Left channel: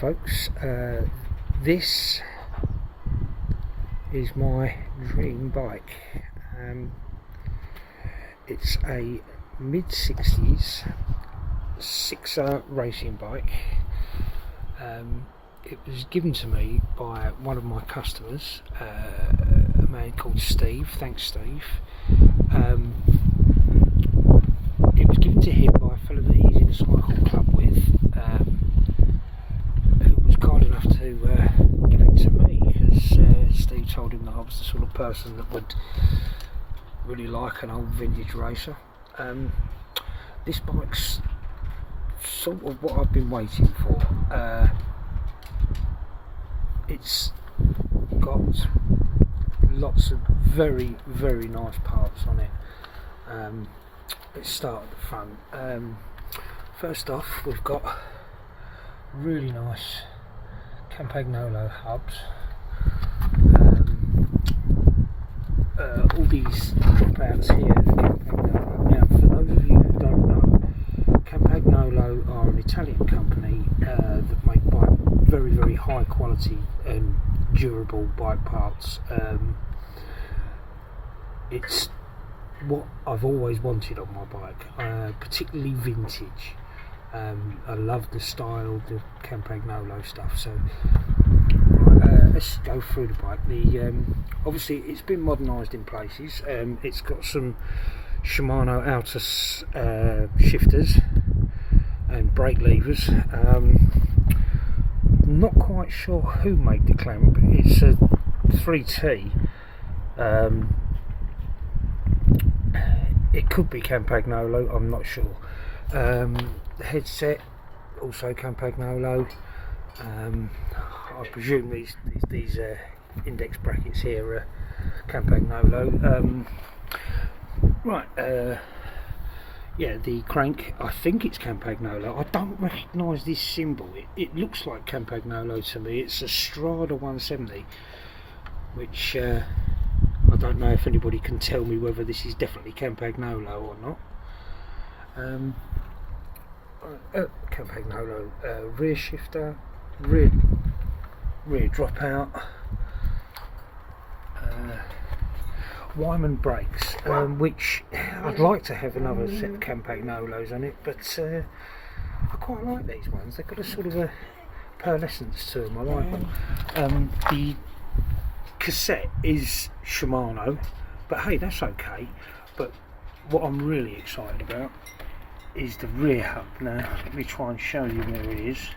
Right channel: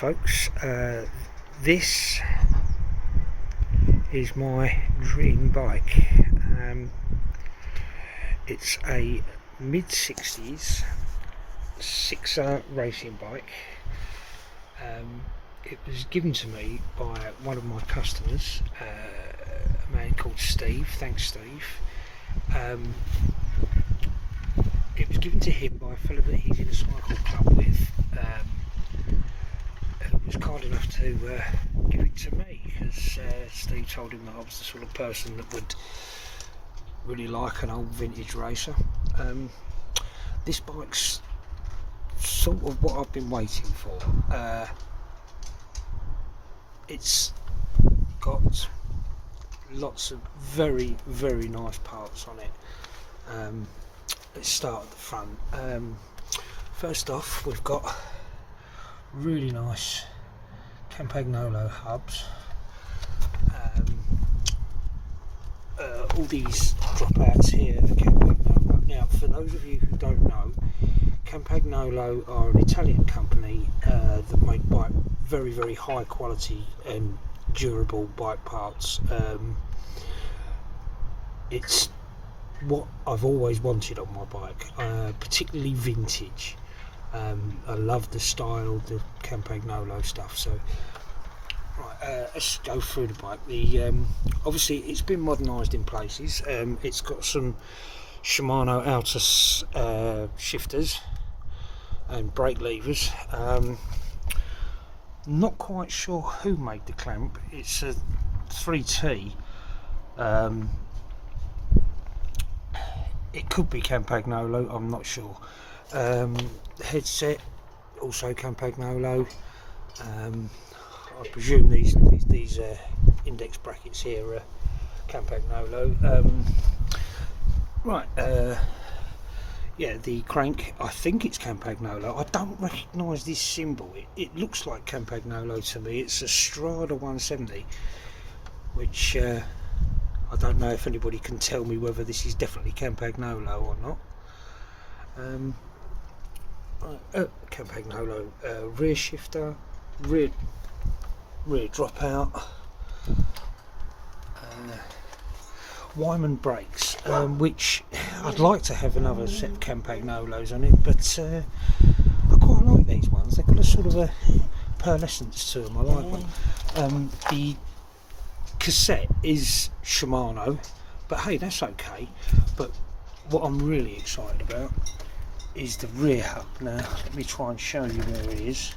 folks, this is my dream bike. It's a mid-60s sixer racing bike. It was given to me by one of my customers, a man called Steve. Thanks, Steve. It was given to him by a fellow that he's in a cycle club with, who was kind enough to give it to me, because Steve told him that I was the sort of person that would really like an old vintage racer. This bike's sort of what I've been waiting for. It's got lots of very, very nice parts on it. Let's start at the front. First off, we've got really nice Campagnolo hubs. All these dropouts here are Campagnolo. Now, for those of you who don't know, Campagnolo are an Italian company that make very, very high quality and durable bike parts. It's what I've always wanted on my bike, particularly vintage. I love the style, the Campagnolo stuff. So right, let's go through the bike. Obviously it's been modernised in places. It's got some Shimano Altus shifters and brake levers. Not quite sure who made the clamp. It's a 3T. It could be Campagnolo, I'm not sure. The headset, also Campagnolo. I presume these index brackets here are Campagnolo. Yeah, the crank, I think it's Campagnolo. I don't recognise this symbol. It looks like Campagnolo to me. It's a Strada 170, which I don't know if anybody can tell me whether this is definitely Campagnolo or not. Campagnolo rear shifter, rear dropout, Wyman brakes, which I'd like to have another set of Campagnolos on it, but I quite like these ones. They've got a sort of a pearlescence to them. I like them. The cassette is Shimano, but hey, that's okay. But what I'm really excited about is the rear hub. Now let me try and show you where it is.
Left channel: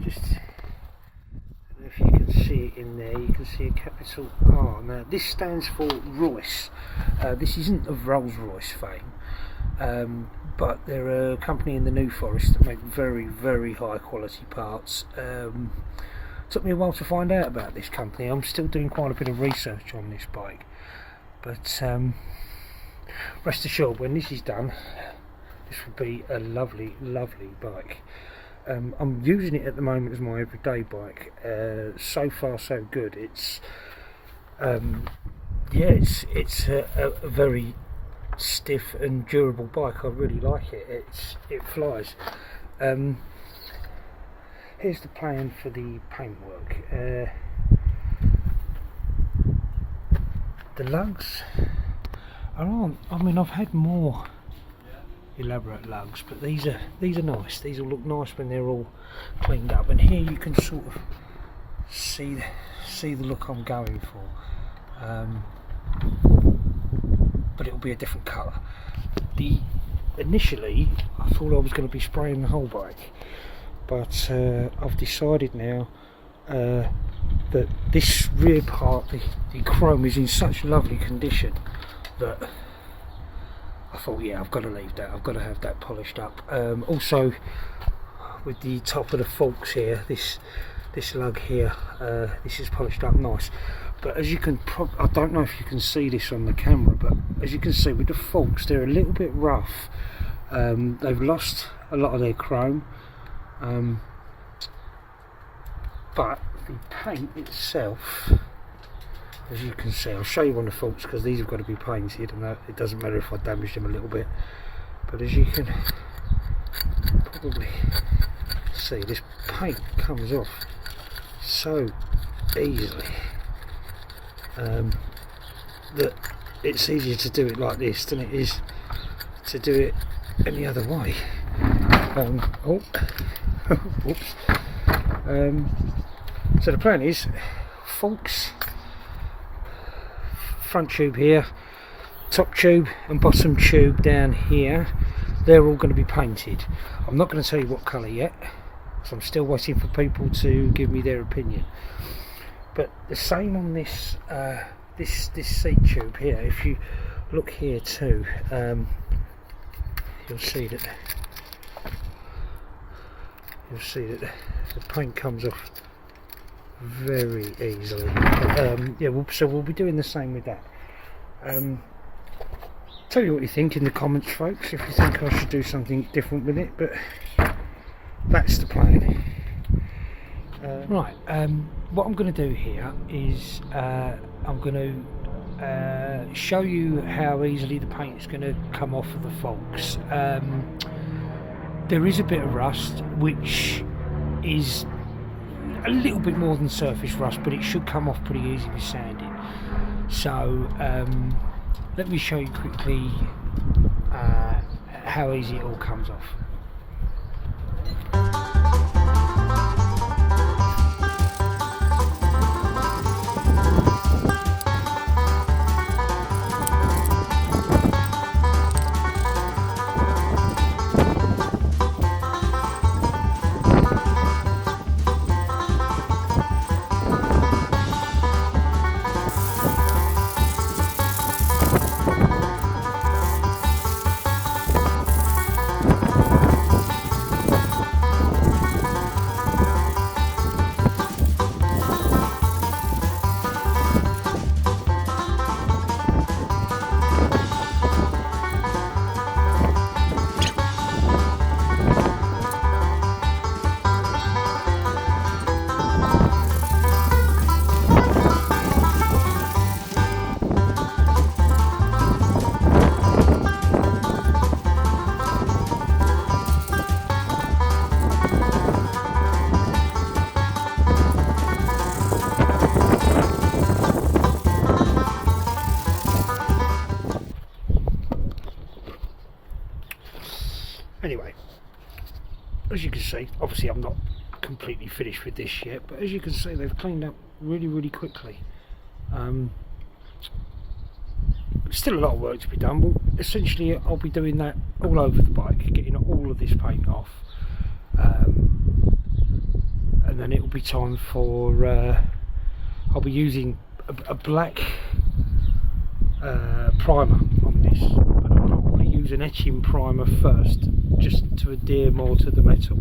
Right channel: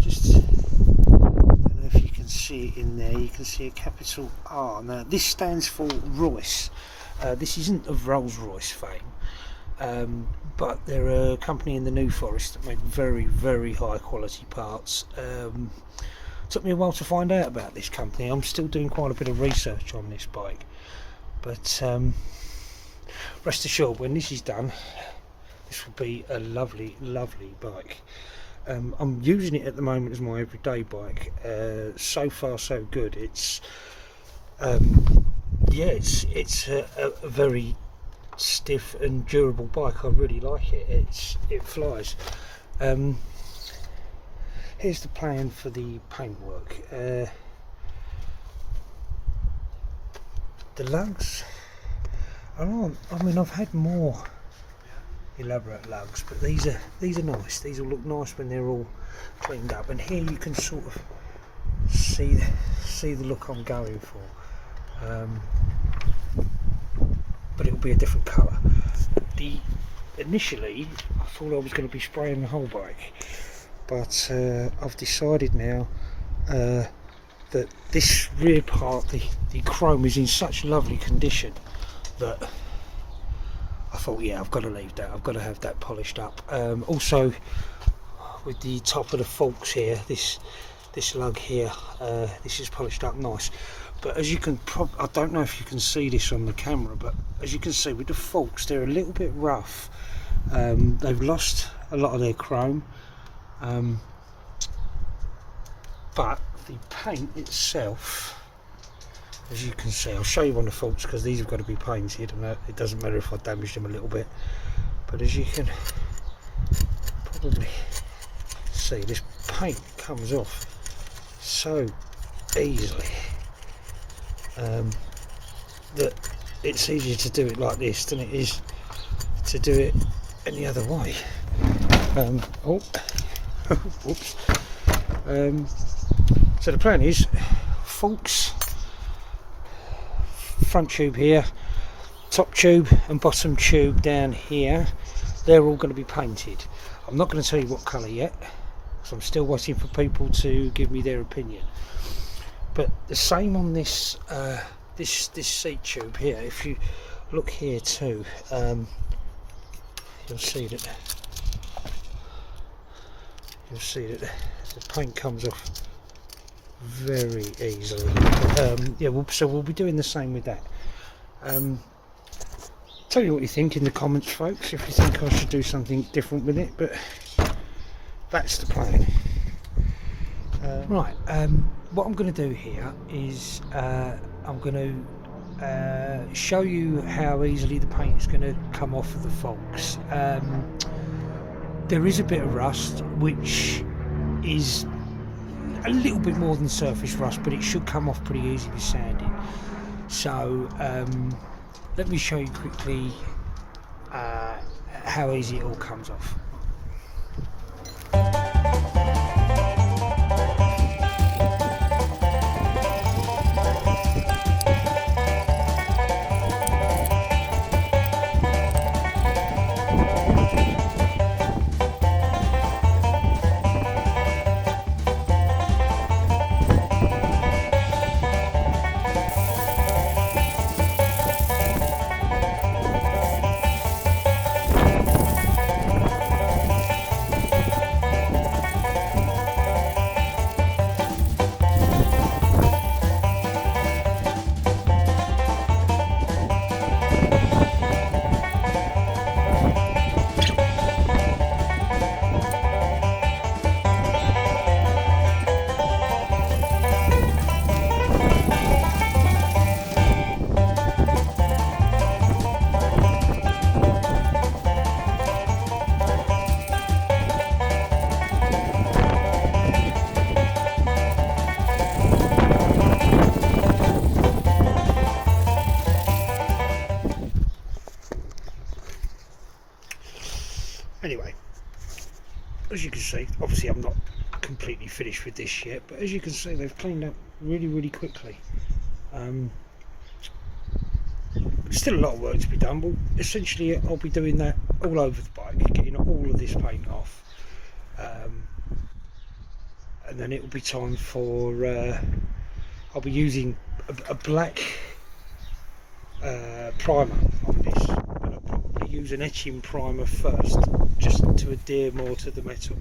Just, I don't know if you can see it in there. You can see a capital R. Now this stands for Royce. This isn't of Rolls-Royce fame. But they're a company in the New Forest that make very, very high quality parts. Took me a while to find out about this company. I'm still doing quite a bit of research on this bike, but rest assured, when this is done, this will be a lovely, lovely bike. I'm using it at the moment as my everyday bike. So far so good. It's yeah, it's a very stiff and durable bike. I really like it. It flies. Here's the plan for the paintwork. The lugs aren't, I mean, I've had more elaborate lugs, but these are nice. These will look nice when they're all cleaned up, and here you can sort of see the look I'm going for. But it'll be a different colour. Initially I thought I was going to be spraying the whole bike, but I've decided now that this rear part, the chrome, is in such lovely condition that I thought, yeah, I've got to leave that. I've got to have that polished up. Also, with the top of the forks here, this lug here, this is polished up nice. But as you can I don't know if you can see this on the camera, but as you can see with the forks, they're a little bit rough. They've lost a lot of their chrome, but the paint itself as you can see, I'll show you on the faults because these have got to be painted, and it doesn't matter if I damage them a little bit, but as you can probably see, this paint comes off so easily that it's easier to do it like this than it is to do it any other way. Whoops. So the plan is faults, front tube here, top tube and bottom tube down here, they're all going to be painted. I'm not going to tell you what colour yet, because I'm still waiting for people to give me their opinion. But the same on this this seat tube here. If you look here too, you'll see that the paint comes off very easily. Yeah, so we'll be doing the same with that. Tell me what you think in the comments, folks, if you think I should do something different with it, but that's the plan. Right, what I'm going to do here is I'm going to show you how easily the paint is going to come off of the faults. There is a bit of rust, which is a little bit more than surface rust, but it should come off pretty easy with sanding. So let me show you quickly how easy it all comes off. Anyway, as you can see, obviously I'm not completely finished with this yet, but as you can see, they've cleaned up really quickly. Still a lot of work to be done, but essentially I'll be doing that all over the bike, getting all of this paint off, and then it will be time for I'll be using a black primer on this, but I'll probably use an etching primer first, just to adhere more to the metal.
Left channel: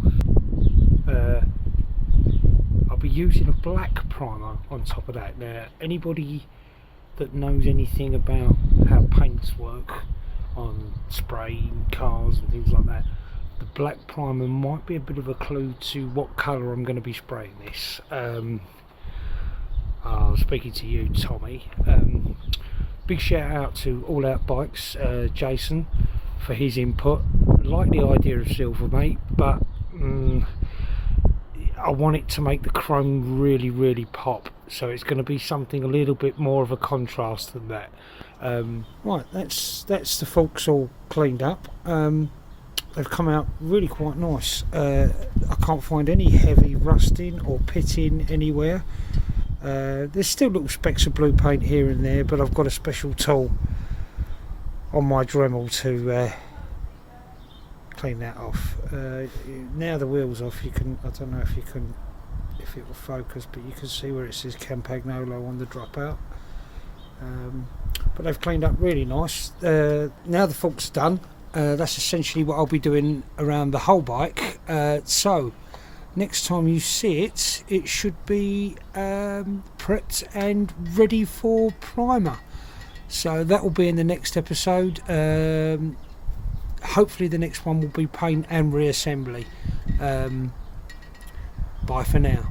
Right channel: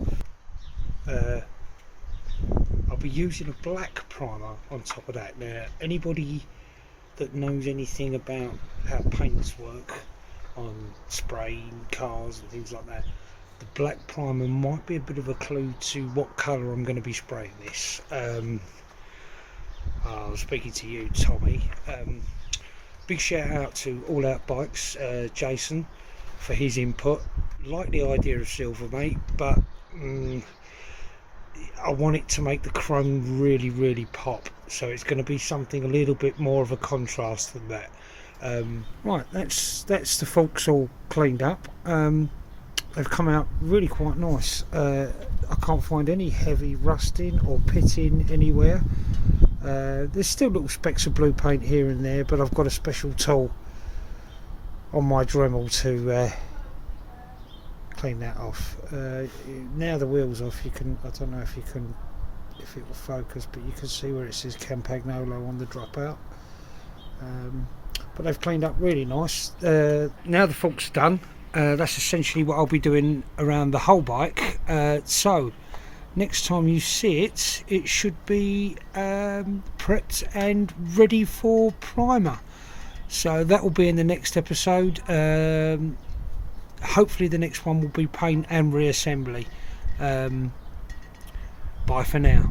I'll be using a black primer on top of that. Now, anybody that knows anything about how paints work on spraying cars and things like that, the black primer might be a bit of a clue to what colour I'm going to be spraying this. I was speaking to you, Tommy. Big shout out to All Out Bikes, Jason, for his input. Like the idea of silver, mate, but I want it to make the chrome really pop, so it's going to be something a little bit more of a contrast than that. Right, that's the faults all cleaned up. They've come out really quite nice. I can't find any heavy rusting or pitting anywhere. There's still little specks of blue paint here and there, but I've got a special tool on my Dremel to clean that off. Now the wheel's off, you can, I don't know if it will focus, but you can see where it says Campagnolo on the dropout. But they've cleaned up really nice. Now the fault's done, that's essentially what I'll be doing around the whole bike. So next time you see it, it should be prepped and ready for primer. So that will be in the next episode. Hopefully the next one will be paint and reassembly. Bye for now.